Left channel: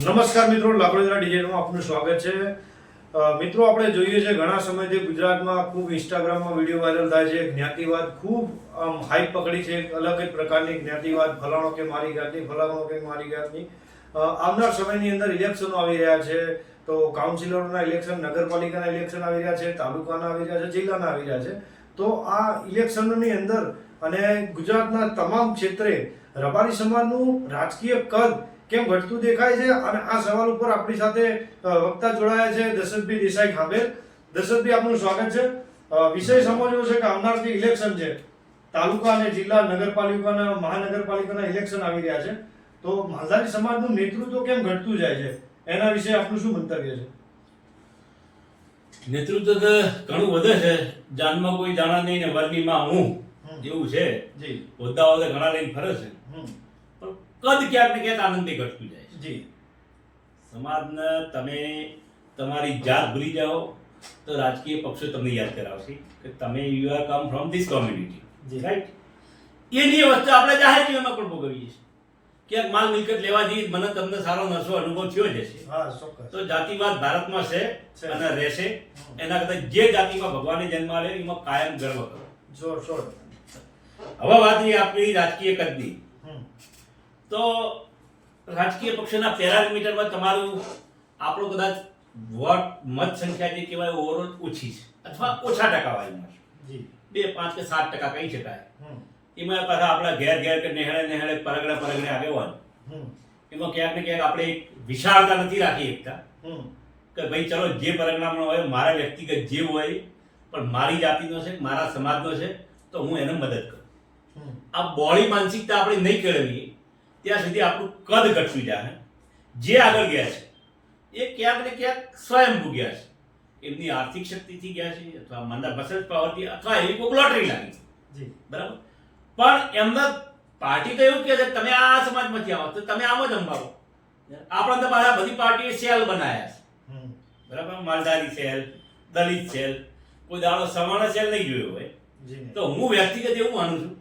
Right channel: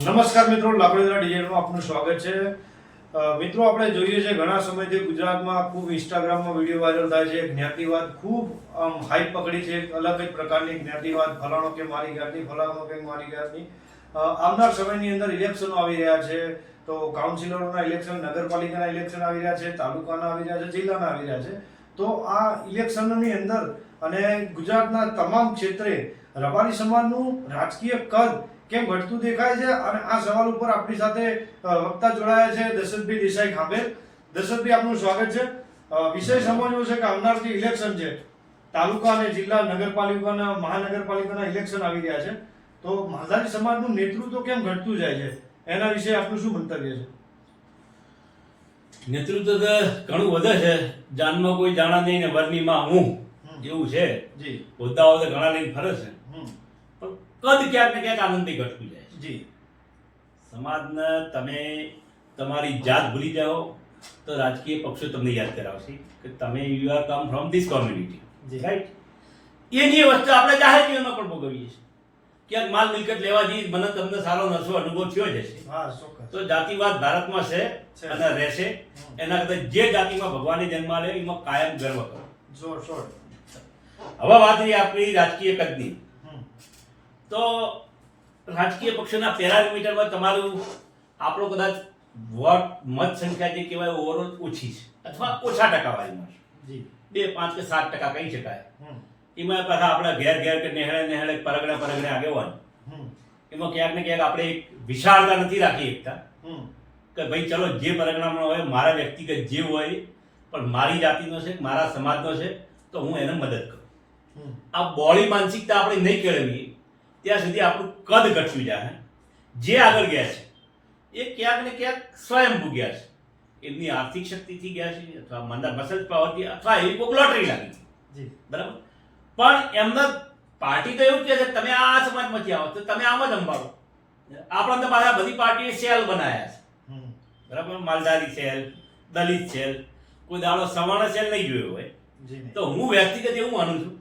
નમસ્કાર મિત્રો, લાકડીના ડિઝાઇનમાં આપનું સ્વાગત છે. મિત્રો, આપણે જોઈએ છે ઘણા સમયથી ગુજરાતમાં ખૂબ ઇન્સ્ટાગ્રામમાં વિડીયો વાયરલ થાય છે. જ્ઞાતિવાદ ખૂબ હાઈપ પકડી છે. અલગ જ પ્રકારની જ્ઞાતિવાદ, ફલાણો કે મારી જ્ઞાતિ, ફલાણો કે મારી જ્ઞાતિ. આવનાર સમયની અંદર ઇલેક્શનો આવી રહ્યા છે, તો કાઉન્સિલરોના ઇલેક્શન, નગરપાલિકાના ઇલેક્શન આવી રહ્યા છે, તાલુકાના આવી રહ્યા છે, જિલ્લાના આવી રહ્યા છે. તો આ ઇલેક્શનોની અંદર અને ગુજરાતના તમામ ક્ષેત્રે રબારી સમાજનું રાજકીય કદ કેમ ઘટતું દેખાય છે, અને આ સવાલ ઉપર આપણી સાથે વક્તા જોડાયા છે દશરથભાઈ દેસાઈ ખાંભેલ. દશરથભાઈ, આપનું સ્વાગત છે. વિષય સમજવો છે કે આવનાર જે ઇલેક્શન છે, તાલુકા અને જિલ્લા, નગરપાલિકાના, મહાનગરપાલિકાના ઇલેક્શન આવી રહ્યા છે, તો માલધારી સમાજનું નેતૃત્વ કેમ ઘટતું જાય છે, એના વિશે આપનું શું મંતવ્ય છે? નેતૃત્વ તો ઘણું વધે છે. જાનમાં કોઈ જાણા નહીં ને વરનીમાં હું એવું છે. જી. હોદ્દાઓ તો ઘણા લઈને ફરે છે, પણ કદ ક્યાંક ને ક્યાંક આનંદથી ઘટતું જાય છે. જી. સમાજને તમે તમારી જાત ભૂલી જાઓ તો રાજકીય પક્ષો તમને યાદ કરાવશે કે તમે you are come from this community, right? એની વસ્તુ આપણે જાહેર જીવનમાં પણ ભોગવીએ છીએ. ક્યાંક માલ મિલકત લેવા જઈએ, મને તમને સારો નશો અનુભવ થયો જ હશે. હા, ચોક્કસ. તો જાતિવાદ ભારતમાં છે અને રહેશે. એના કરતા જે જાતિમાં ભગવાને જન્મ આપ્યો એમાં કાયમ ગર્વ કરો. જોર. હવે વાત રહી આપણી રાજકીય કદની. તો રાજકીય પક્ષોના પેરામીટરમાં તમારું આપણું કદાચ વોટ મત સંખ્યા જે કહેવાય ઓવરઓલ ઓછી છે, અથવા ઓછા ટકાવારીમાં છે. 2, 5 કે 7% કહી શકાય. એમાં પાછા આપણા ઘેર કે નેહળે પરગડે આગેવાન, એમાં ક્યાંક ને ક્યાંક આપણે એક વિશાળતા નથી રાખી શકતા કે ભાઈ ચલો જે પરગણામાં હોય, મારા વ્યક્તિગત જે હોય, પણ મારી જાતિનો છે, મારા સમાજનો છે, તો હું એને મદદ કરું. આ બોળી માનસિકતા આપણે નહીં કેળવીએ ત્યાં સુધી આપણું કદ ઘટતું જાય. જે આગળ ગયા છે એ ક્યાંક ને ક્યાંક સ્વયંભૂ ગયા છે. એમની આર્થિક શક્તિથી ગયા છે, અથવા મંદા મસલ પાવરથી, અથવા એવી કોઈ લોટરી લાગી છે, બરાબર? પણ એમને પાર્ટી તો એવું કહે છે તમે આ સમાજમાંથી આવો તો તમે આમ જ અંબાડો. આપણા તો પાછા બધી પાર્ટીએ સેલ બનાવ્યા છે, બરાબર? માલધારી સેલ, દલિત સેલ, કોઈ દાડો સવર્ણ સેલ નહીં જોયો હોય. તો હું વ્યક્તિગત એવું માનું છું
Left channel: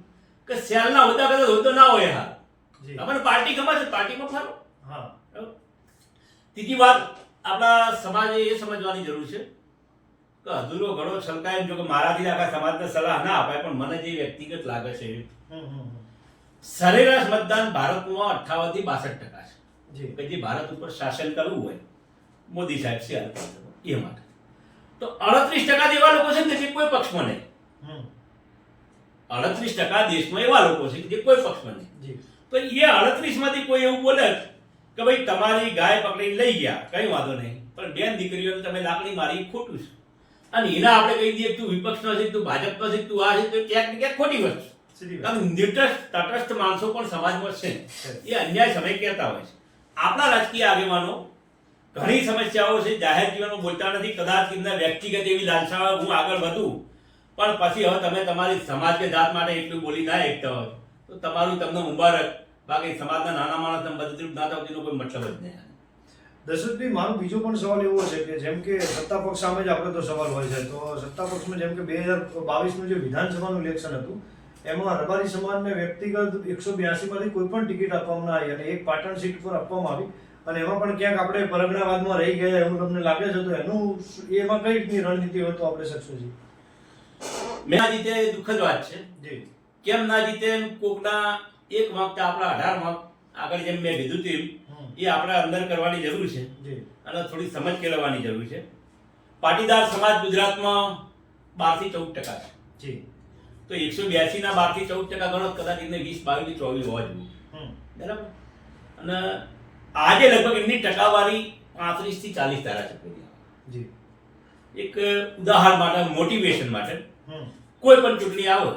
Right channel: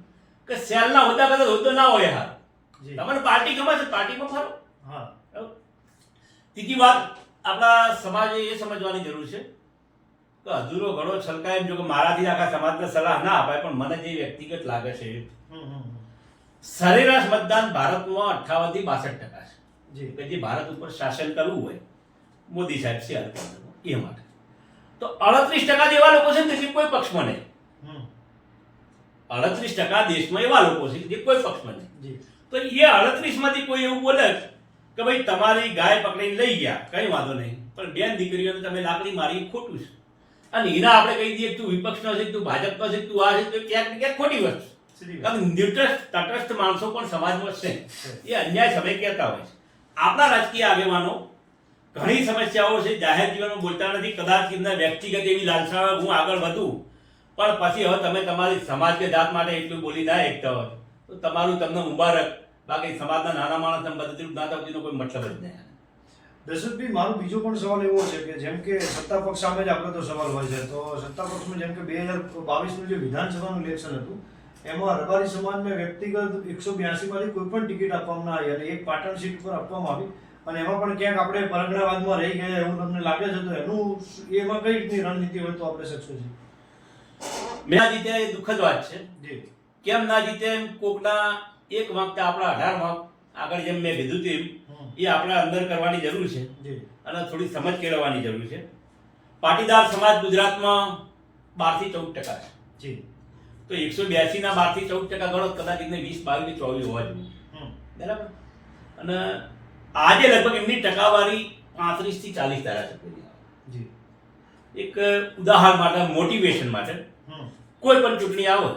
કે સેલના હોદ્દા કદાચ હોદ્દો ના હોય. હાર તમને પાર્ટી ખબર છે, પાર્ટીમાં ફરો. ત્રીજી વાત, આપણા સમાજે એ સમજવાની જરૂર છે કે અધૂરો ઘણો છલકાય જો કે મારાથી આખા સમાજને સલાહ ના અપાય, પણ મને જે વ્યક્તિગત લાગે છે સરેરાશ મતદાન ભારતમાં 58 થી 62% છે. કે જે ભારત ઉપર શાસન કરવું હોય મોદી સાહેબ છે એ માટે, તો 38% એવા લોકો છે જે કોઈ પક્ષમાં નહીં. 38% દેશમાં એવા લોકો છે જે કોઈ પક્ષમાં નહીં. તો એ 38 માંથી કોઈ એવું બોલે કે ભાઈ તમારી ગાય પકડીને લઈ ગયા, કઈ વાંધો નહીં, પણ બેન દીકરીઓને તમે લાકડી મારી, ખોટું છે. અને એના આપણે કહી દઈએ તું વિપક્ષનો છે, તું ભાજપનો છે, તું આ છે, તો ક્યાંક ને ક્યાંક ખોટી વસ્તુ. કારણ તટસ્થ માણસો પણ સમાજમાં છે, એ અન્યાય સમય કહેતા હોય છે. આપણા રાજકીય આગેવાનો ઘણી સમસ્યાઓ છે, જાહેર જીવનમાં બોલતા નથી. કદાચ એમના વ્યક્તિગત એવી લાલસા હું આગળ વધું, પણ પછી હવે તમે તમારી સમાજ કે જાત માટે એટલું બોલી ના એકતા હોય તો તમારું તમને મુબારક. બાકી સમાજના નાના માણસને મદદરૂપ ના થતી કોઈ મતલબ જ નહીં. દશરથભાઈ, મારો બીજો પણ સવાલ એવો છે કે જેમ કે સત્તા પક્ષ સામે જ આપણે તો સવાલ હોય છે, તો સત્તા પક્ષમાં જેમ કે 2022નું જે વિધાનસભાનું ઇલેક્શન હતું એમાં રબારી સમાજને વ્યક્તિગત 182 માંથી કોઈ પણ ટિકિટ આપવામાં ના આવી, અને એક પાટણ સીટ પર આપવામાં આવી, અને એમાં પણ ક્યાંક આપણે પરગણાવાદમાં રહી ગયા એવું તમને લાગે છે, તો એનું એમાં કઈ રીતની રણનીતિ હોય તો આપણે શકશું છીએ? મેં આ જીતે એ દુઃખદ વાત છે. કેમ ના જીતે? કોકના એક વખત આપણા 18 વખત આગળ જેમ મેં કીધું તેમ એ આપણે અંદર કરવાની જરૂર છે, અને થોડી સમજ કેળવવાની જરૂર છે. પાટીદાર સમાજ ગુજરાતમાં 12 થી 14% છે. તો 182 ના 12 થી 14% ગણો, કદાચ એમને 20, 22 થી 24 હોવા જોઈએ, બરાબર? અને આજે લગભગ એમની ટકાવારી 35 થી 40 ધારાસભ્યોની. એક ઉદાહરણ માટે, મોટિવેશન માટે, કોઈ પણ ચૂંટણી આવે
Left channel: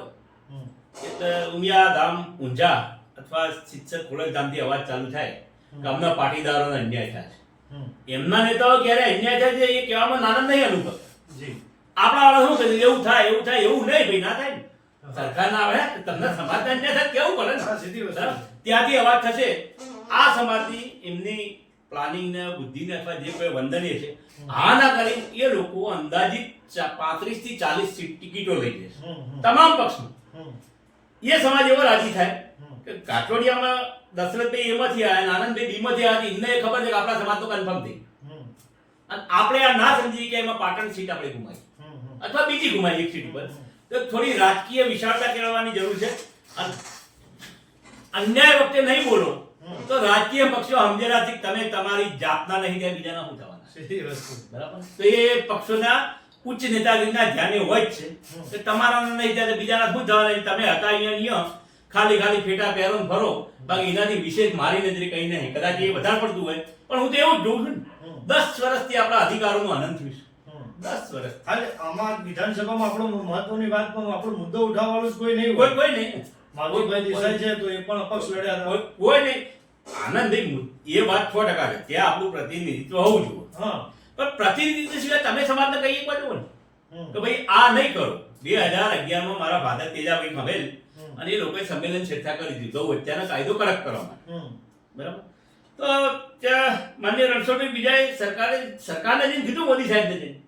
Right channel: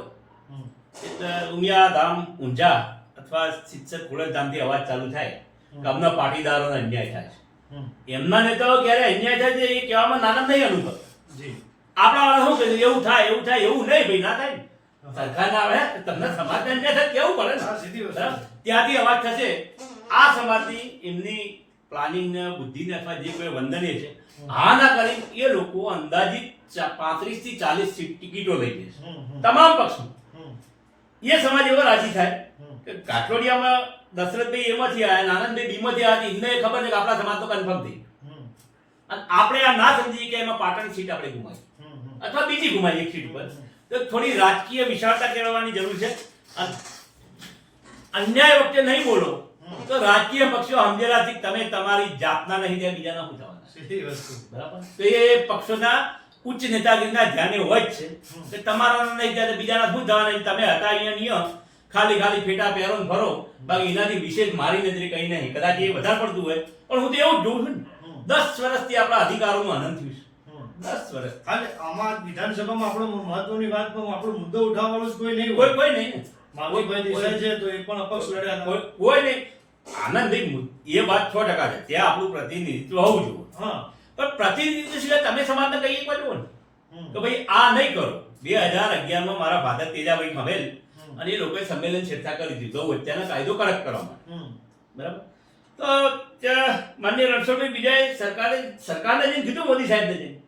એટલે ઉમિયા ધામ, ઊંઝા અથવા શિક્ષક ખોડલધામથી અવાજ ચાલુ થાય કે અમને પાટીદારોને અન્યાય થાય છે. એમના નેતાઓ ક્યારે અન્યાય થાય છે એ કહેવામાં નાના નહીં અનુભવ. આપણા વાળા શું કહે એવું થાય એવું નહીં, ભાઈ ના થાય ને. સરકારના આવે તમને સમાજને અન્યાય થાય કેવું પડે ને, ત્યાંથી અવાજ થશે. આ સમાજની એમની પ્લાનિંગ ને બુદ્ધિ ને અથવા જે કોઈ વંદનીય છે, હા ના કરી એ લોકો અંદાજિત 35 થી 40 ટિકિટો લઈ જશે તમામ પક્ષમાં. એ સમાજ એવો રાજી થાય કે કાઠોડિયામાં દશરથભાઈ એમાંથી આવ્યા અને આનંદભાઈ બીમાંથી આવ્યા એમને ખબર છે કે આપણા સમાજ તો કન્ફર્મ થઈ અને આપણે આ ના સમજીએ કે એમાં પાટણ સીટ આપણે ગુમાવી અથવા બીજી ગુમાવી એક સીટ પર તો થોડી રાજકીય વિશાળતા કેળવવાની જરૂર છે અને અન્યાય વખતે નહીં બોલો તો રાજકીય પક્ષો સમજેલાથી તમે તમારી જાતના નહીં ત્યાં બીજાના શું થવાના બરાબર તો એ પક્ષોના ઉચ્ચ નેતાગીરીના ધ્યાને હોય જ છે કે તમારા નહીં ત્યારે બીજાના શું થવાના તમે હતા અહીંયા નિયમ ખાલી ફેટા પહેરો ને ફરો બાકી એનાથી વિશેષ મારી નજરે કઈ નહીં કદાચ એ વધારે પડતું હોય પણ હું તો એવું જ જોઉં છું ને 10 વર્ષથી આપણા અધિકારોનું આનંદ થયું છે 10 વર્ષ હાલે આમાં વિધાનસભામાં આપણો મહત્વની વાતમાં આપણો મુદ્દો ઉઠાવવાનું કોઈ નહીં કોઈ નહીં માધવભાઈ દેસાઈ છે તો એ પણ અપક્ષ લડ્યા હતા. કોઈ નહીં આનંદભાઈ એ વાત 100% છે ત્યાં આપણું પ્રતિનિધિત્વ હોવું જોઈએ હા પણ પ્રતિનિધિત્વ સિવાય તમે સમાજને કઈ એક બાજુ ને કે ભાઈ આ નહીં કરો 2011 માં મારા ફાધર તેજાભાઈ ખમેલ અને એ લોકોએ સંમેલન છેડછાડ કરી દીધો વચ્ચેનો કાયદો કડક કરવા માટે બરાબર તો માન્ય રણછોડભાઈ બીજાએ સરકારને જઈને કીધું મોદી સાહેબને જઈને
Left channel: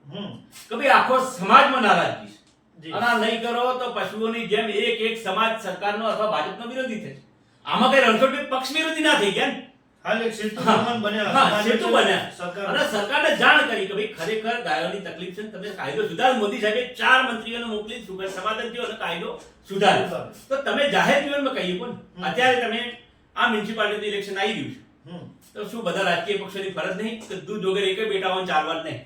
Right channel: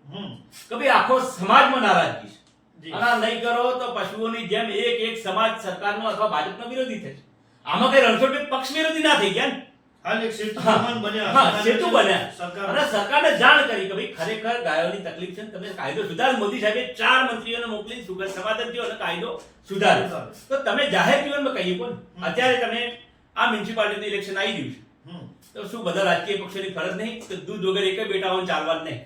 કે ભાઈ આખો સમાજમાં નારાજગી છે અને આ નહીં કરો તો પશુઓની જેમ એક સમાજ સરકારનો અથવા ભાજપનો વિરોધી થશે આમાં કઈ રણછોડભાઈ પક્ષ વિરોધી ના થઈ ગયા ને હાલ એક સેતુ સમાન બન્યા હા સેતુ બન્યા સરકાર અને સરકારને જાણ કરી કે ભાઈ ખરેખર ગાયોની તકલીફ છે ને તમે કાયદો સુધાર મોદી સાહેબે 4 મંત્રીઓને મોકલી સુગર સમાધાન થયો અને કાયદો સુધાર્યો તો તમે જાહેર જીવનમાં કહીએ કોણ અત્યારે તમે આ મ્યુનિસિપાલિટી ઇલેક્શન આવી રહ્યું છે તો શું બધા રાજકીય પક્ષોની ફરજ નહીં કે દૂધ વગર એક બેટાઓને ચાલવાનું નહીં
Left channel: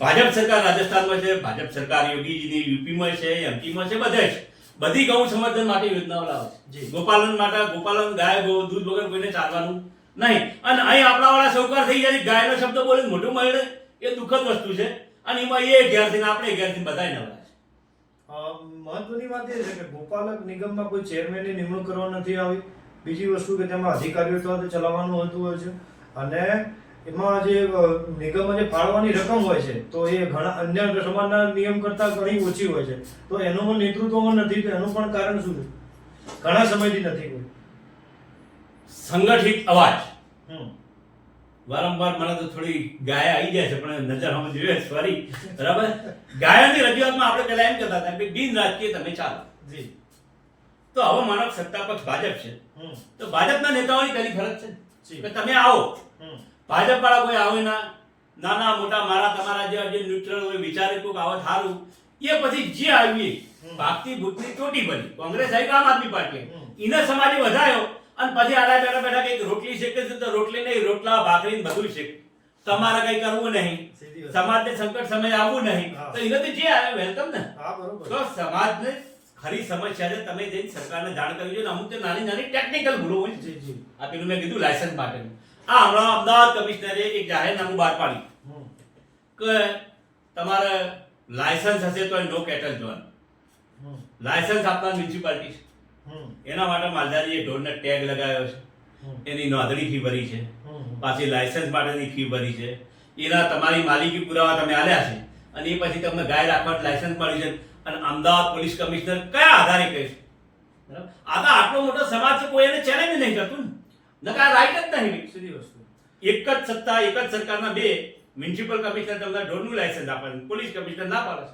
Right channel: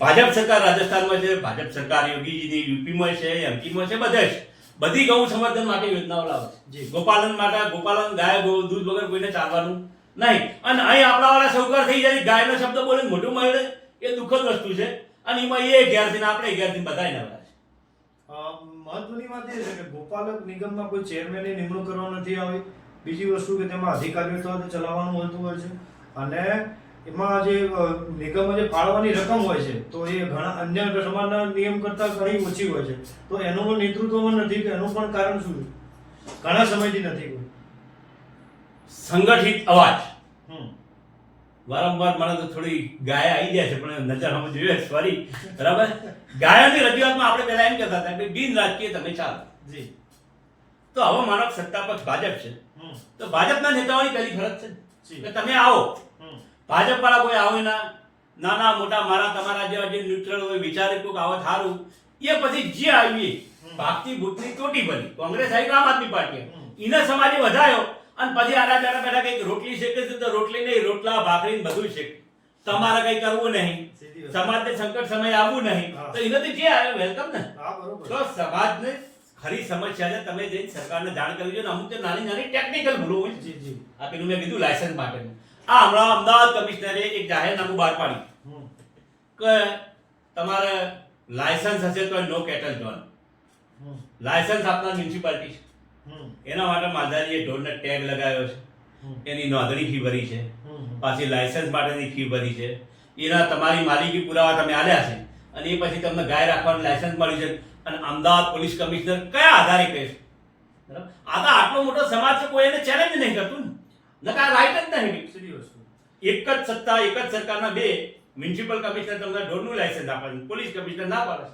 ભાજપ સરકાર રાજસ્થાનમાં છે ભાજપ સરકાર યોગીજીની યુપીમાં છે એમપીમાં છે બધે છે બધી ગૌ સંવર્ધન માટે યોજનાઓ લાવે છે ગોપાલન ગાય દૂધ વગર કોઈને ચાલવાનું નહીં અને અહીં આપણા વાળા સૌકાર થઈ જાય ગાયનો શબ્દ બોલે મોટું મળે એ દુઃખદ વસ્તુ છે અને એમાં એ ઘેરથી આપણે ઘેરથી બધાય નવરા છે મહત્વની વાત એ છે કે ગોપાલક નિગમમાં કોઈ ચેરમેનની નિમણૂક કરવા નથી આવી બીજી વસ્તુ કે તેમાં અધિકારીઓ સાથે ચલાવવાનું હોતું હોય છે અને એમાં જે નિગમમાં જે ફાળવાની રકમ હોય છે તો એ ઘણા અન્ય સમાજના નિયમ કરતાં ઘણી ઓછી હોય છે તો એનું પણ નેતૃત્વ નથી તો એનું પણ કારણ શું છે ઘણા સમયથી નથી કોઈ સંગઠિત અવાજ વારંવાર મને તો થોડી ગાય આવી જાય છે પણ નજર હમ જોઈએ સોરી બરાબર ગાયોની રજૂઆતમાં આપણે પહેલા એમ કહેતા હતા કે બિન રાજકીય તમે ચાલો જી તો હવે માનો સત્તા પક્ષ ભાજપ છે તો ભાજપના નેતાઓની પહેલી ફરજ છે કે તમે આવો ભાજપ વાળા કોઈ આવે ના નાના મોટા મારા તમારા જેવા જે ન્યુટ્રલ હોય વિચારે કોક આવત સારું એ પછી જે આવી ભાગતી ભૂતની ચોટી બની કોંગ્રેસ આવી આમ આદમી પાર્ટી એને સમાજે વધાયો અને પછી આડા બેઠા કઈક રોટલી શેકે છે તો રોટલી નહીં રોટલા ભાખરી બધું શેકે તમારે કઈ કરવું નહીં સમાજને સંકટ સમય આવવું નહીં તો એનાથી જે આવ્યો વેલકમ ને તો સમાજને ખરી સમસ્યા છે તમે જઈને સરકારને જાણ કરવી જોઈએ અમુક નાની ટેકનિકલ ભૂલો હોય આ પેલું મેં કીધું લાયસન્સ માટેનું આ હમણાં અમદાવાદ કમિશનરે એક જાહેરનામું બહાર પાડ્યું કે તમારે લાયસન્સ હશે તો નો કેટલ ઝોન લાયસન્સ આપનાર મ્યુનિસિપાલિટી છે એના માટે માલધારીએ ઢોરને ટેગ લગાવ્યો છે એની નોંધણી ફી ભરી છે પાછી લાયસન્સ માટેની ફી ભરી છે એના તમારી માલિકી પુરાવા તમે આલ્યા છે અને એ પછી તમને ગાય રાખવાનું લાયસન્સ મળ્યું છે અને અમદાવાદ પોલીસ કમિશનર કયા આધારે કહે છે બરાબર આ તો આટલો મોટો સમાજ છે કોઈ એને ચેલેન્જ નહીં કરતું ને નકા રાઈટ જ નહીં સીધી વસ્તુ એક જ સત્તા એક જ સરકારના બે મ્યુનિસિપલ કમિશનર તમને ઢોરનું લાયસન્સ આપે છે પોલીસ કમિશનર ના પાડે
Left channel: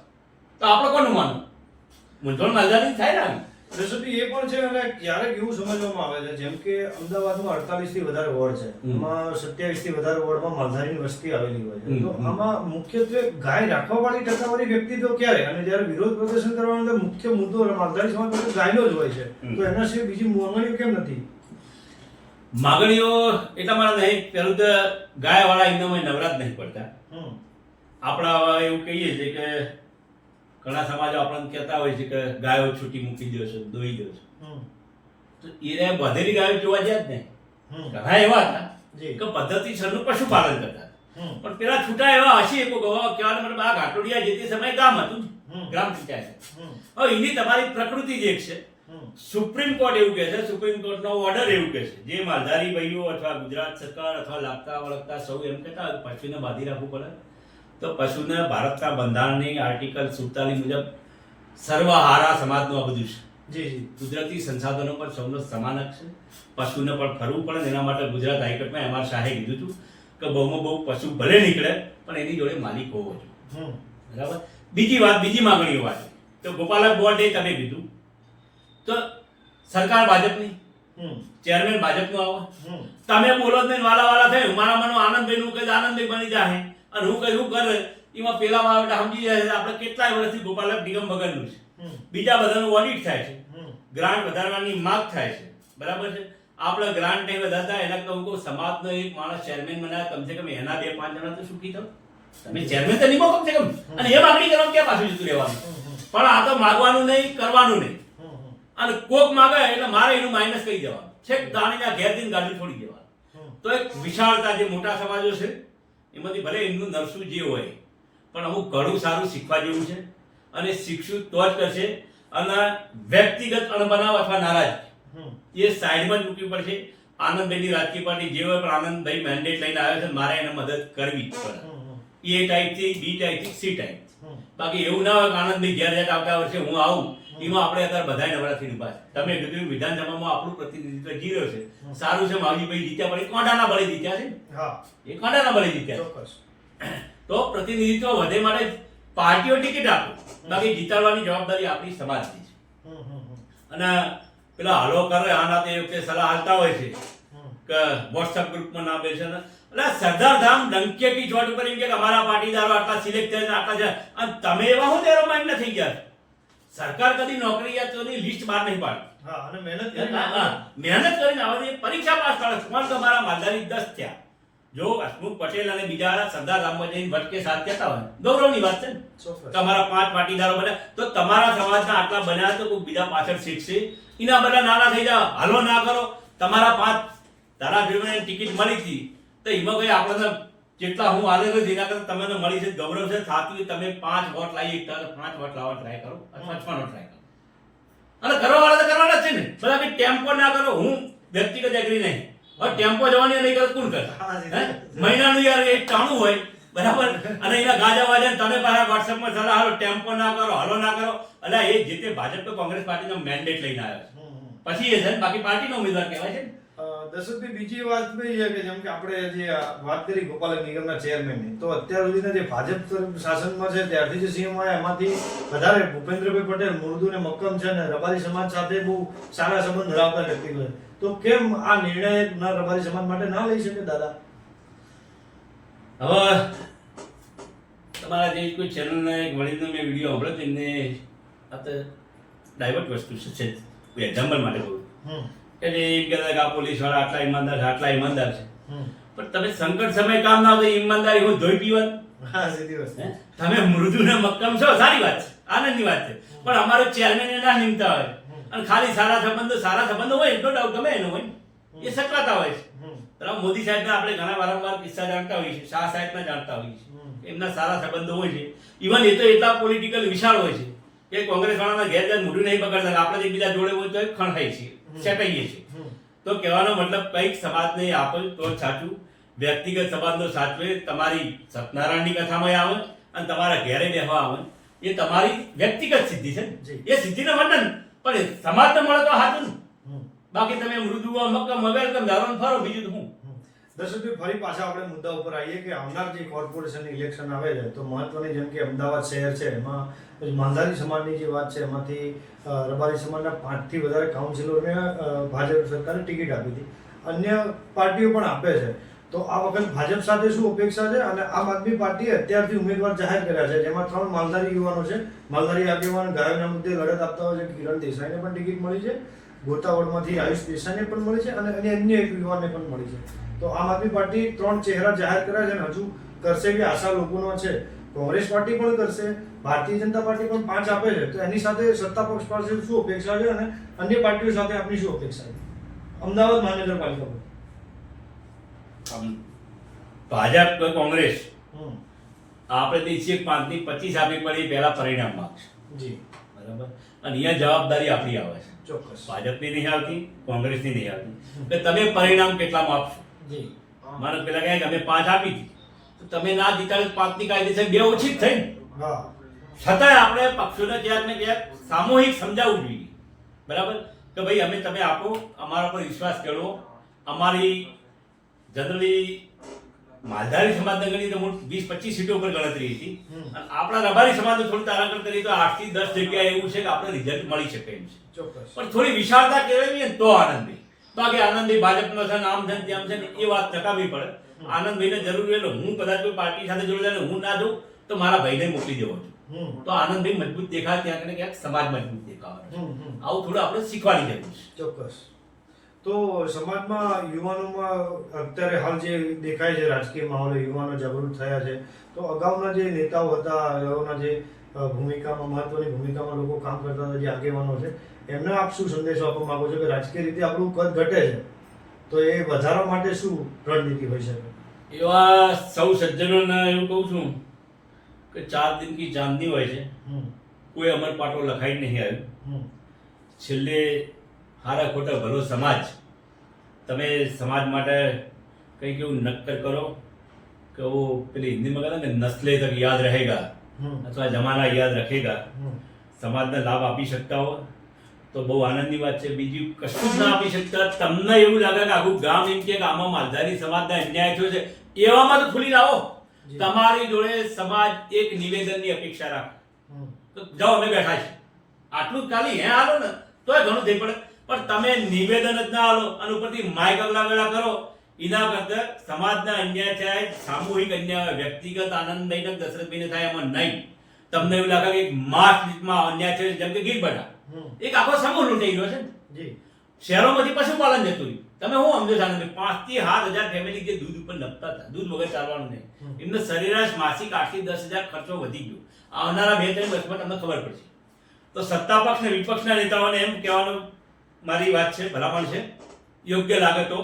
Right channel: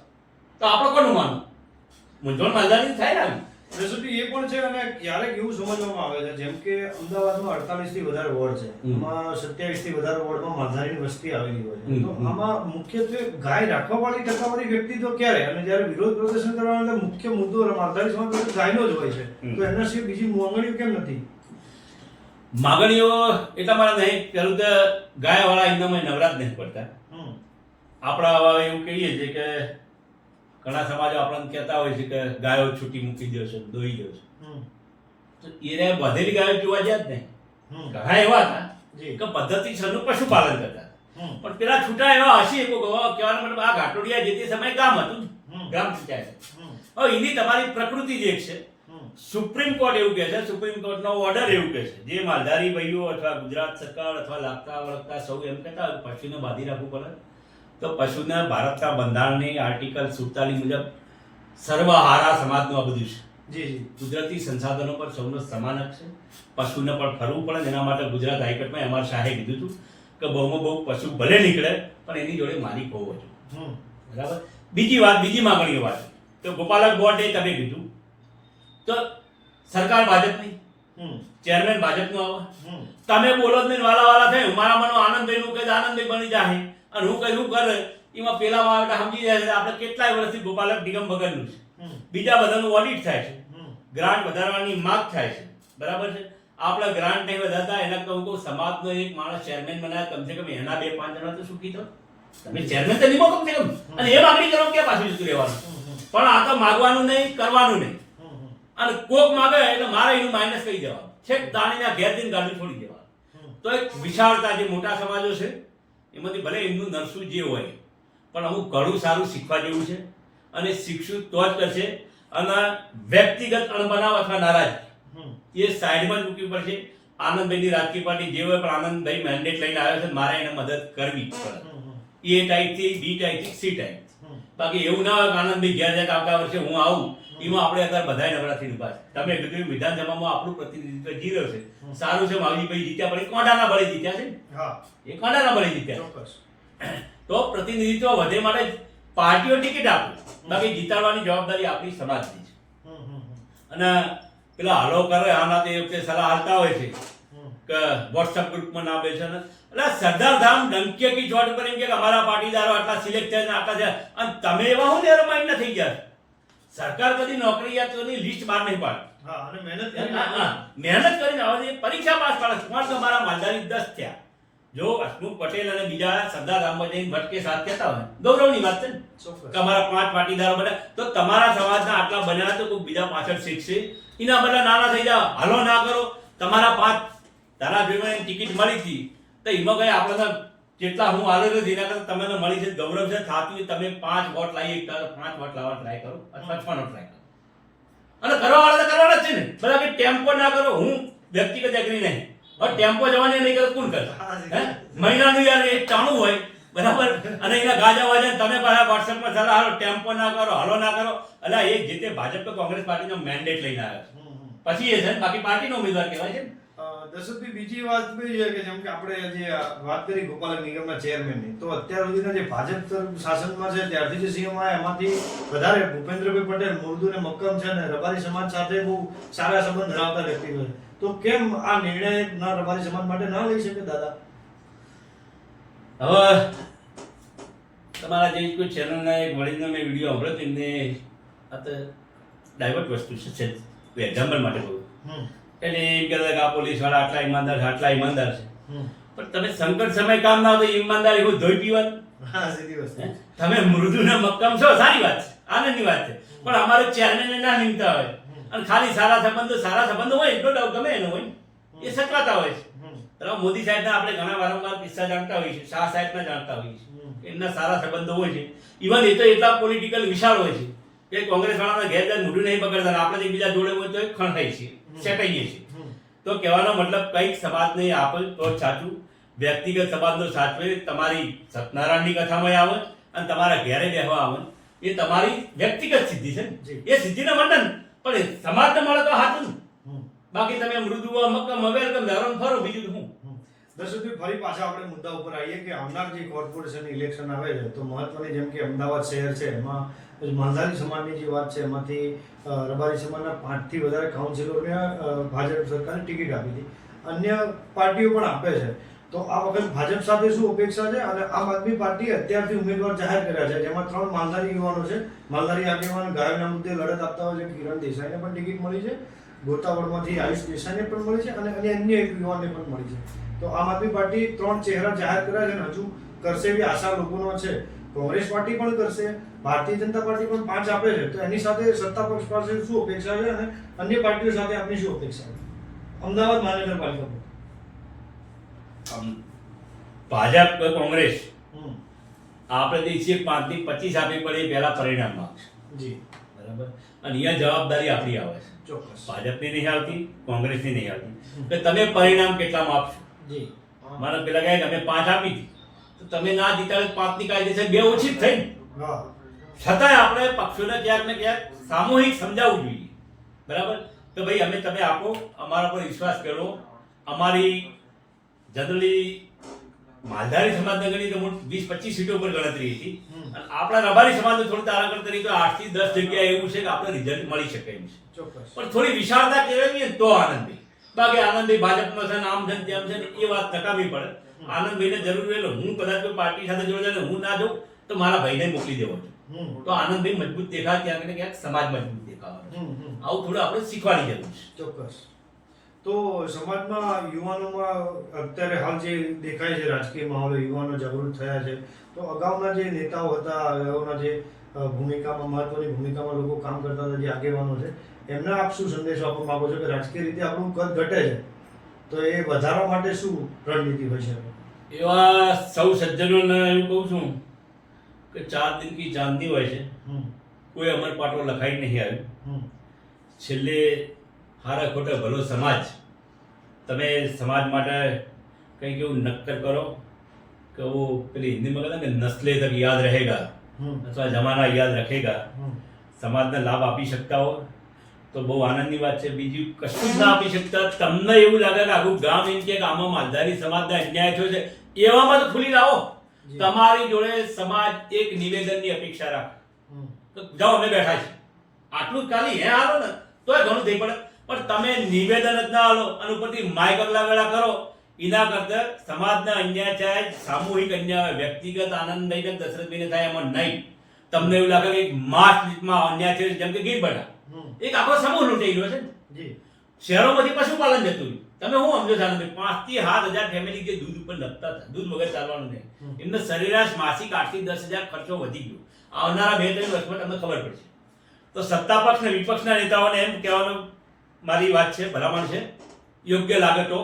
તો આપણે કોનું માનવું મૂંઝવણ માલધારી થાય ને રેસીપી એ પણ છે અને ક્યારેક એવું સમજવામાં આવે છે જેમ કે અમદાવાદમાં 48 થી વધારે વોર્ડ છે એમાં 27 થી વધારે વોર્ડમાં માલધારીની વસ્તી આવેલી હોય છે તો આમાં મુખ્યત્વે ગાય રાખવા વાળી ટકાવારી વ્યક્તિ તો ક્યારે અને જ્યારે વિરોધ પ્રદર્શન કરવાનો મુખ્ય મુદ્દો માલધારી સમાજ માટે ગાયનો જ હોય છે તો એના સિવાય બીજી માંગણીઓ કેમ નથી માગણીઓ એટલા મારા નહીં પેલું તો ગાય વાળા એકદમ નવરાત નહીં પડતા આપણા એવું કહીએ છીએ કે ઘણા સમાજો આપણને કહેતા હોય છે કે ગાયો છૂટી મૂકી દો છો દોઈ દો છો તો એને વધેલી ગાયો જોવા જાય જ નહીં ઘણા એવા હતા કે પદ્ધતિસરનું પશુપાલન કરતા પણ પેલા છૂટા એવા હશે કહેવાનો મતલબ આ ઘાટોડિયા જે તે સમયે ગામ હતું ગ્રામ પંચાયત હવે એની તમારી પ્રકૃતિ જ એક છે સુપ્રીમ કોર્ટ એવું કહે છે સુપ્રીમ કોર્ટનો ઓર્ડર એવું કહે છે જે માલધારી ભાઈઓ અથવા ગુજરાત સરકાર અથવા લાગતા વળગતા સૌ એમ કહેતા પશુને બાંધી રાખવું પડે તો પશુને ભારતના બંધારણની આર્ટિકલ 47 મુજબ સર્વહારા સમાજનું આ બધું છે કુદરતી સંસાધનો પર સૌનો સમાન હક છે પશુને પણ ફરવું પડે એના માટે ગુજરાત હાઈકોર્ટમાં એમઆર શાહે કીધું હતું કે બહુમાં બહુ પશુ ભલે નીકળે પણ એની જોડે માલિક હોવો જોઈએ બરાબર બીજી માંગણીઓ વાત તો ગોપાલક બોર્ડે તમે કીધું તો સરકાર ભાજપની ચેરમેન ભાજપનું આવે. હમ. તમે બોલો જ નહીં, વાલા થાય મારા મનો આનંદભાઈનું કહે આનંદભાઈ બની જાય અને હું કહ્યું કરે એમાં પેલામાં આવે એટલે સમજી જાય છે આપણે કેટલાય વર્ષથી ગોપાલક નિગમ વગરનું છે. બીજા બધાનું ઓડિટ થાય છે, ગ્રાન્ટ વધારવાની માંગ થાય છે, બરાબર છે. આપણે ગ્રાન્ટ નહીં વધારતા એના કહું કહું સમાજનો એક માણસ ચેરમેન બનાવે કમસે કમ એના 2-5 જણા તો સુખી થાવ. તમે ચેરમેન તો નિમો કમસે કમ અને એ માગણી કરો ક્યાં પાછું જતું રહેવાનું. પણ આ તો માગવાનું નહીં, કરવાનું નહીં. અને કોક માગે એટલે મારે એનું માઇનસ કરી દેવાનું, છેક દાણીના ઘેર જઈને ગાડી છોડી દેવાનું. તો એક વિશાળતા જે મોટા સમાજો છે એમાંથી ભલે એમનું નરસું જે હોય પણ અમુક ઘણું સારું શીખવા જેવું છે અને શીખશું તો જ કરશે. અને વ્યક્તિગત અણબનાવ અથવા નારાજગી એ સાઈડમાં જ મૂકવી પડશે. આનંદભાઈની રાજકીય પાર્ટી જે હોય પણ આનંદભાઈ મેન્ડેટ લઈને આવ્યો છે, મારે એને મદદ કરવી જ પડે. એ ટાઈપથી બી ટાઈપથી સી ટાઈપ. બાકી એવું ના હોય કે આનંદભાઈ ઘેર જાય આવતા વર્ષે હું આવું એમાં આપણે અત્યારે બધાય નવરાત્રી ઉભા છે. તમે કીધું વિધાનસભામાં આપણું પ્રતિનિધિત્વ જીવ્યો છે, સારું છે. માવજીભાઈ જીત્યા પણ એ કોંડાના બળે જીત્યા છે ને, એ કોંડાના બળે જીત્યા છે. તો પ્રતિનિધિત્વ વધે માટે પાર્ટીઓ ટિકિટ આપે, બાકી જીતાડવાની જવાબદારી આપણી સમાજની છે. અને પેલા હાલો કરે આના તે વખતે સલાહ હાલતા હોય છે કે વોટ્સઅપ ગ્રુપમાં ના બેસે ને એટલે સરદાર ધામ ડંકે કી ચોટ ઉપર એમ કે અમારા પાટીદારો આટલા સિલેક્ટ થયા આટલા છે અને તમે એવા હું નેરો માઇન્ડ થઈ ગયા. સરકાર કદી નોકરીયાતોની લિસ્ટ બહાર નહીં પાડે. મહેનત કરીને આવે છે, પરીક્ષા પાસ પાડે. પણ તમારા માલધારી 10 થયા. જો હસમુખ પટેલ અને બીજા સરદાર ધામમાં જઈને વટકે સાથ કહેતા હોય ગૌરવની વાત છે ને, તમારા 5 પાટીદારો બન્યા તો તમારા સમાજના આટલા બન્યા તો કોઈ બીજા પાછળ શીખશે. એના બધા નાના થઈ જાવ, હાલો ના કરો. તમારા 5 ધારાસભ્યોને ટિકિટ મળી હતી તો એમાં કઈ આપણે જેટલા હું હાલે નથી એના કરતા તમને મળી છે, ગૌરવ છે. થાતું તમે 5 વોટ લાવી એકતા 5 વોટ લાવવા ટ્રાય કરો અથવા 6 ટ્રાય કરો. અને કરવા વાળા તો કરવાના જ છે ને. બધા કે ટેમ્પો ના કરો, હું વ્યક્તિગત એગ્રી નહીં. હવે ટેમ્પો જવાની નહીં કરે કોણ કરે? મહિનાનું યાર એક ટાણું હોય બરાબર, અને એના ગાજા વાજા તમે પાછા વોટ્સએપમાં સલાહ હાલો ટેમ્પો ના કરો, હાલો ના કરો. એટલે એ જે તે ભાજપ તો કોંગ્રેસ પાર્ટીનો મેન્ડેટ લઈને આવ્યો છે, પછી એ છે બાકી પાર્ટીનો ઉમેદવાર કહેવાય છે. દશરથભાઈ બીજી વાત બી છે કે જેમ કે આપણે જે વાત કરી ગોપાલક નિગમના ચેરમેનની, તો અત્યાર સુધીના જે ભાજપ શાસનમાં છે ત્યારથી જે સીએમ આવ્યા એમાંથી વધારે ભૂપેન્દ્રભાઈ પટેલ મૃદુ ને મક્કમ છે ને રબારી સમાજ સાથે બહુ સારા સંબંધ ધરાવતા વ્યક્તિ છે. તો કેમ આ નિર્ણય ના રબારી સમાજ માટે ના લઈ શકે દાદા? હવે તમારા જે કોઈ ચેનલના એક વડીલનો મેં વિડીયો સાંભળ્યો તેમને આ તો ડાયવર્ટ વસ્તુ છે, એક્ઝામ્પલ માટે કહું. એટલે એમ કહેતા કે આ પોલીસવાળા આટલા ઈમાનદાર છે, આટલા ઈમાનદાર છે. પણ તમે સંકટ સમય કામ ના હોય તો ઈમાનદારી હું ધોઈ પીવાનું. તમે મૃદુ ને મક્કમ છો, સારી વાત છે, આનંદની વાત છે. પણ અમારે ચેરમેન ના નિમતા હોય અને ખાલી સારા સંબંધો હોય એટલો ડાઉટ ગમે એનો હોય એ સકરાતા હોય છે. મોદી સાહેબના આપણે ઘણા વારંવાર કિસ્સા જાણતા હોઈએ છીએ, શાહ સાહેબના જાણતા હોઈએ છીએ, એમના સારા સંબંધો હોય છે. ઇવન એ તો એટલા પોલિટિકલ વિશાળ હોય છે કે કોંગ્રેસ વાળાના ઘેર ઘેર મોઢું નહીં પકડતા, આપણે એકબીજા જોડે હોય તો ખણખાઈએ છીએ, સેટાઈએ છીએ. તો કહેવાનો મતલબ કંઈક સમાજને આપે તો જ સાચું. વ્યક્તિગત સંબંધો સાચવે, તમારી સત્યનારાયણની કથામાં આવે અને તમારા ઘેરે બેહવા આવે, એ તમારી વ્યક્તિગત સિદ્ધિ છે. એ સિદ્ધિને મંડન પણ સમાજને મળે તો સાચું. બાકી તમે મૃદુ મક્કમ વેલકમ ધારો ફરો, બીજું તો હું. દર્શકભાઈ ફરી પાછા આપણે મુદ્દા ઉપર આવીએ કે આવનાર જે કોર્પોરેશન ઇલેક્શન આવે છે તો મહત્વની જેમ કે અમદાવાદ શહેર છે એમાં માલધારી સમાજની જે વાત છે એમાંથી રબારી સમાજના 5 થી વધારે કાઉન્સિલરને ભાજપ સરકારે ટિકિટ આપી હતી, અન્ય પાર્ટીઓ પણ આપે છે. તો આ વખત ભાજપ સાથે શું અપેક્ષા છે? અને આમ આદમી પાર્ટીએ અત્યારથી ઉમેદવાર જાહેર કર્યા છે, જેમાં 3 માલધારી યુવાનો છે. માલધારી આગેવાન ગાયોના મુદ્દે લડત આપતા હોય છે કિરણ દેસાઈને પણ ટિકિટ મળી છે, ગોતાવળમાંથી આયુષ દેસાઈને પણ મળી છે અને અન્ય એક યુવાનને પણ મળી છે. તો આમ આદમી પાર્ટી 3 ચહેરા જાહેર કર્યા છે અને હજુ કરશે એવી આશા લોકોનો છે. કોંગ્રેસ પાર્ટી પણ કરશે, ભારતીય જનતા પાર્ટી પણ 5 આપે છે. તો એની સાથે સત્તા પક્ષ પાસે શું અપેક્ષા છે અને અન્ય પાર્ટીઓ સાથે આપની શું અપેક્ષા છે અમદાવાદ મહાનગરપાલિકા પર? ભાજપ કે કોંગ્રેસ આપણે દેશીય 5 ની 25 આપી પડે પહેલા પરિણામ માંગશે જી, બરાબર. અને અહીંયા જવાબદારી આપણી આવે છે, ચોક્કસ. ભાજપની નહીં આવતી, કોંગ્રેસની નહીં આવતી કે તમે પરિણામ કેટલામાં આપશો. જી, મારે પેલા કહે કે અમે 5 આપી હતી તો તમે ના જીતાડે 5 ની કાયદેસર 2 ઓછી જ થઈ. હા, છતાંય આપણે પક્ષોને ક્યાંક ને ક્યાંક સામૂહિક સમજાવવું જોઈએ, બરાબર, કે ભાઈ અમે તમે આપો, અમારા પર વિશ્વાસ કરો. અમારી જનરલી માલધારી સમાજને ગણી તો 20-25 સીટો પર ગણતરી હતી અને આપણા રબારી સમાજને થોડી તારાંકન કરી તો 8 થી 10 જગ્યા એવું છે કે આપણે રિઝલ્ટ મળી શકે એમ છે. ચોક્કસ. પણ થોડી વિશાળતા કેળવીએ તો આનંદી. બાકી આનંદભાઈ ભાજપમાં છે ને આમ છે ને તેમ છે ને એ વાત નકામી પડે. આનંદભાઈને જરૂર એટલે હું કદાચ કોઈ પાર્ટી સાથે જોડાયેલો ને હું ના જાઉં તો મારા ભાઈને મોકલી દેવો છું. તો આનંદભાઈ મજબૂત દેખાય ક્યાંક ને ક્યાંક સમાજ મજબૂત દેખાવાનો છે. આવું થોડું આપણે શીખવાની જરૂર છે. ચોક્કસ. તો સમાજમાં યુવાનોમાં અત્યારે હાલ જે દેખાય છે રાજકીય માહોલ, યુવાનો જાગૃત થયા છે, તો અગાઉના જે નેતાઓ હતા, અગાઉના જે ભૂમિકામાં મહત્વની ભૂમિકામાં લોકો કામ કરતા હતા, જે આગેવાનો છે, એમને આપ શું સંદેશો આપવા માંગો છો કે રાજકીય રીતે આપણું કદ ઘટે છે તો એ વધારવા માટે શું રણનીતિ હોઈ શકે? એવા સૌ સજ્જનોને એવું કહું છું કે 4 દિન કી ચાંદની હોય છે. કોઈ અમર પાટો લખાઈ નહીં આવ્યું. છેલ્લે હારા ખોટા ભલો સમાજ, તમે સમાજ માટે કંઈક એવું નક્કર કરો કે वो પેલી હિન્દીમાં કહે ને નસ્લે તક યાદ રહેગા અથવા જમાના યાદ રખેગા. સમાજને લાભ આપી શકતા હો તો બહુ આનંદની વાત છે. બીજું કશું જ ના આપી શકતા, તમને એવું લાગે કે આખું ગામ એમ કે આમાં માલધારી સમાજને અન્યાય થયો છે, એવામાં તો ખુલી લાવો. તમારી જોડે સમાજ એક નિવેદનની અપેક્ષા રાખે તો જાઓ અમે બેઠા છીએ, આટલું જ ખાલી હાલો ને તોય ઘણું થઈ પડે. પણ તમે નિવેદન જ ના હાલો અને ઉપરથી માઇક અગલા કરો, એના કરતા સમાજના અન્યાય થાય, સામૂહિક અન્યાય, વ્યક્તિગત આનંદભાઈને દશરથભાઈને થાય એમાં નહીં. તમને એવું લાગે કે માસ લીટમાં અન્યાય થયો, જેમ કે ગીરબડા એક આખો સમૂહ લૂંટાઈ ગયો છે ને, શહેરોમાંથી પશુપાલન જતું રહ્યું. તમે હું સમજો છો આનંદભાઈ, 5 થી 7 હજાર ફેમિલી જે દૂધ ઉપર નપતા હતા, દૂધ વગર ચાલવાનું નહીં, એમને સરેરાશ માસિક 8 થી 10 હજાર ખર્ચો વધી ગયો. આવનારા 2-3 વર્ષમાં તમને ખબર પડશે. તો સત્તા પક્ષ ને વિપક્ષના નેતાઓને એમ કહેવાનું મારી વાત છે, ભલામણ છે, યોગ્ય લાગે તો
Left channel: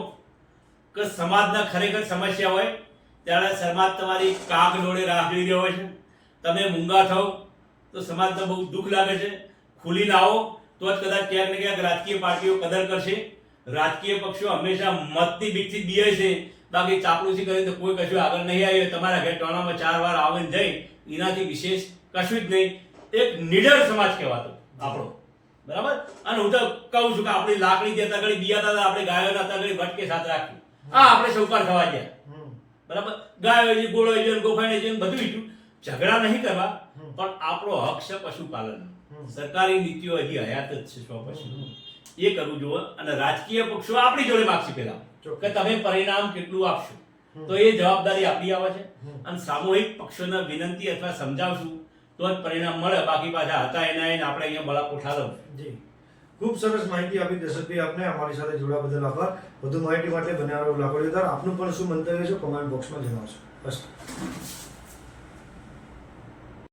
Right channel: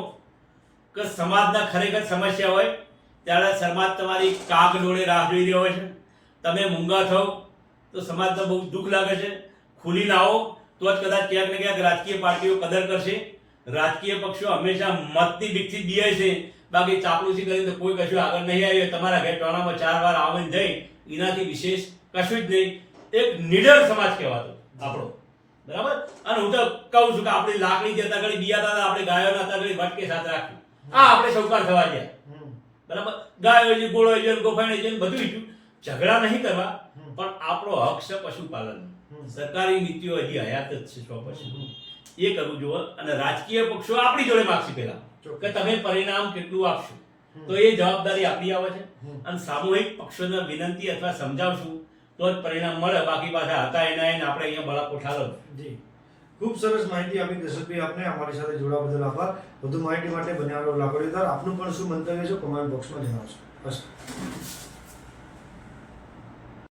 કે સમાજના ખરેખર સમસ્યા હોય ત્યારે સમાજ તમારી કાગ ડોળે રાહ જોઈ રહ્યો હોય છે. તમે મૂંગા થાવ તો સમાજને બહુ દુઃખ લાગે છે. ખુલીને આવો તો જ કદાચ ક્યાંક ને ક્યાંક રાજકીય પાર્ટીઓ કદર કરશે. રાજકીય પક્ષો હંમેશા મતની બીકથી બીએ છે, બાકી ચાપલુસી કરીને તો કોઈ કશું આગળ નહીં આવ્યું. તમારા ઘેર ટોણામાં 4 વાર આવીને જઈ એનાથી વિશેષ કશું જ નહીં. એક નિડર સમાજ કહેવાતો આપણો, બરાબર. અને હું તો કહું છું કે આપણી લાકડી દેતા ઘડી બિયાતા હતા, આપણે ગાયોના હતા ઘડી ભટકે સાથ રાખી, આપણે સૌકાર થવા ગયા, બરાબર. ગાયો છે, ગોળો છે, ગોફાઈ છે, બધું ઈચ્છું. ઝઘડા નહીં કરવા, પણ આપણો હક છે પશુપાલન. સરકારી નીતિઓ હજી હયાત જ છે 100%. એ કરવું જોઈએ. અને રાજકીય પક્ષો આપણી જોડે માગશે પહેલા કે તમે પરિણામ કેટલું આપશો, તો એ જવાબદારી આપણી આવે છે. અને સામૂહિક પક્ષોને વિનંતી અથવા સમજાવશું તો જ પરિણામ મળે. બાકી પાછા હતા એના એને આપણે અહીંયા બળા કોઠાલો. જી, ખૂબ સરસ માહિતી આપી દશરથભાઈ આપને. અમારી સાથે જોડાવા બદલ આભાર. વધુ માહિતી માટે બન્યા રહો લાકડીદાર. આપનું પણ શું મંતવ્ય છે કમેન્ટ બોક્સમાં જણાવશો. બસ.